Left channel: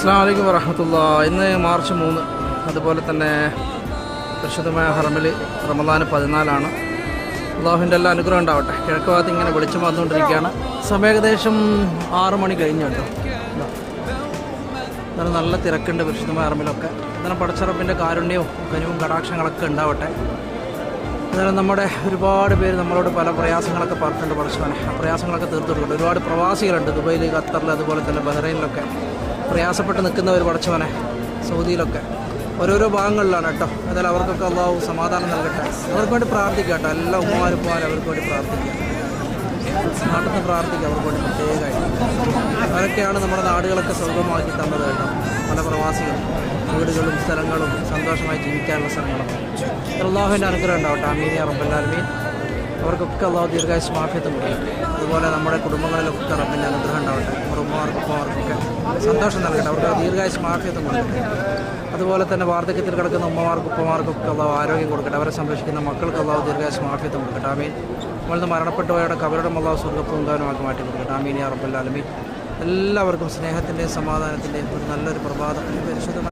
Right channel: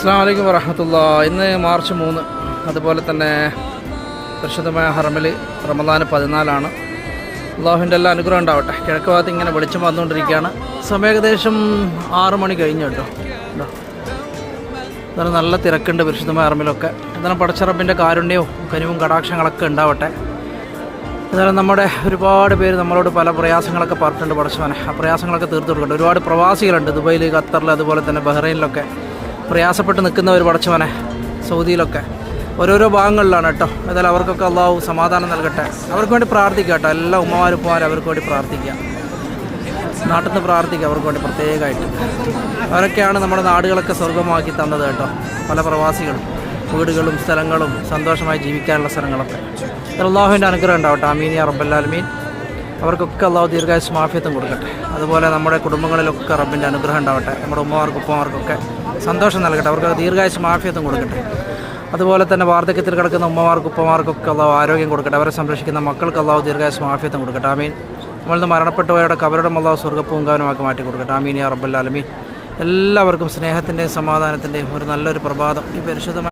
അസ്സലാമു അലൈക്കും വറഹ്മത്തുള്ളാഹി. ഇന്ന് മാർച്ച് 3, അതുപോലെ തന്നെ പരിശുദ്ധമായ ഹറമിൽ റമദാൻ 14 അള്ളാഹുവിൻ്റെ എല്ലാ അനുഗ്രഹം ഉണ്ടാവട്ടെ. കിഴക്ക് ഭാഗത്ത് ഇങ്ങനെ വെളിച്ചം വന്നുകൊണ്ടിരിക്കുകയാണ്. സമയം ഏകദേശം 6 മണി കഴിഞ്ഞു കേട്ടോ. എന്നാലും നല്ല തിരക്കുണ്ട് പരിശുദ്ധമായ ഹറമിലൊക്കെ. എന്നാലും പടച്ചറബിൻ്റെ കാരുണ്യവും കനിവും കടാക്ഷങ്ങളൊക്കെ ഉണ്ടാവട്ടെ. എന്നാലും നമ്മുടെ ഒരുപാട് പേര് നമ്മളോട് പല പ്രയാസങ്ങളൊക്കെ പറഞ്ഞിട്ടുണ്ട്. പടച്ചവനെ ആ പ്രയാസങ്ങളൊക്കെ തീർത്തു കൊടുക്കുന്നുണ്ട്. ഒരുപാട് പ്രവാസികളുണ്ട് ദുബൈയിൽ, ഖത്തറിൽ, അതുപോലെ തന്നെ ബഹ്റൈനിലൊക്കെ പ്രയാസപ്പെട്ട് നിൽക്കുന്നവർ പടച്ചവനെ. സൗദിയിലൊക്കെ ഓരോരോ ഭാഗങ്ങളിലാണ് കേട്ടോ. ഏതായാലും അവർക്കൊക്കെ അള്ളാഹു സമാധാനം നൽകട്ടെ. അവർക്ക് വേണ്ടി പ്രാർത്ഥിക്കുക കേട്ടോ. എല്ലാ ഉമ്മമാരും അവർക്ക് വേണ്ടി പ്രാർത്ഥിക്കുക. നാട്ടിൽ നിന്ന് പ്രാർത്ഥിക്കുക അവർക്ക് വേണ്ടി പ്രത്യേകമായിട്ട്. അവരൊക്കെയാണ് നമ്മുടെ നാടുകളൊക്കെ സ്വർഗമാക്കി തന്നത് കേട്ടോ. പല പ്രവാസികളും വീടുകളും സ്ഥലങ്ങളും സന്തോഷമായി ജീവിക്കാനുള്ള സ്ഥലങ്ങളൊക്കെ. അള്ളാഹുവിൻ്റെ അനുഗ്രഹം ഉണ്ടാവട്ടെ. ആമീൻ യാ റബ്ബൽ ആലമീൻ. അവർക്കൊക്കെ അള്ളാഹു ദീർഘായുസ്സും ആഫിയത്തും കൊടുക്കട്ടെ. അതുപോലെ നമ്മുടെ കുടുംബങ്ങളിലൊക്കെ റബ്ബിൻ്റെ അനുഗ്രഹം ഉണ്ടാവട്ടെ. നമ്മുടെ ഉമ്മമാർക്കൊക്കെ സന്തോഷം നൽകട്ടെ. അവർക്ക് ദീർഘായുസ്സും ആഫിയത്തും കൊടുക്കട്ടെ. അതുപോലെ തന്നെ വാർദ്ധക്യത്തിൽ കിടക്കുന്ന ഉമ്മമാർക്കൊക്കെ അള്ളാഹു ആരോഗ്യം കൊടുക്കട്ടെ. അവരെ സംരക്ഷിക്കുന്ന മക്കൾക്ക് അള്ളാഹു ദീർഘായുസ്സും ആഫിയത്തും കൊടുക്കട്ടെ. ആമീൻ. നമ്മളിന്ന് മരണപ്പെട്ടവരുടെ കബറിടം അള്ളാഹു സ്വർഗ്ഗപ്പൂങ്കാവനമാക്കി മാറ്റി കൊടുക്കട്ടെ. ആമീൻ യാ റബ്ബൽ ആലമീൻ. എല്ലാവർക്കും സ്നേഹത്തിൻ്റെയും സമാധാനത്തിൻ്റെയും ഒരു നല്ലൊരു പ്രഭാതം. പരിശുദ്ധമായ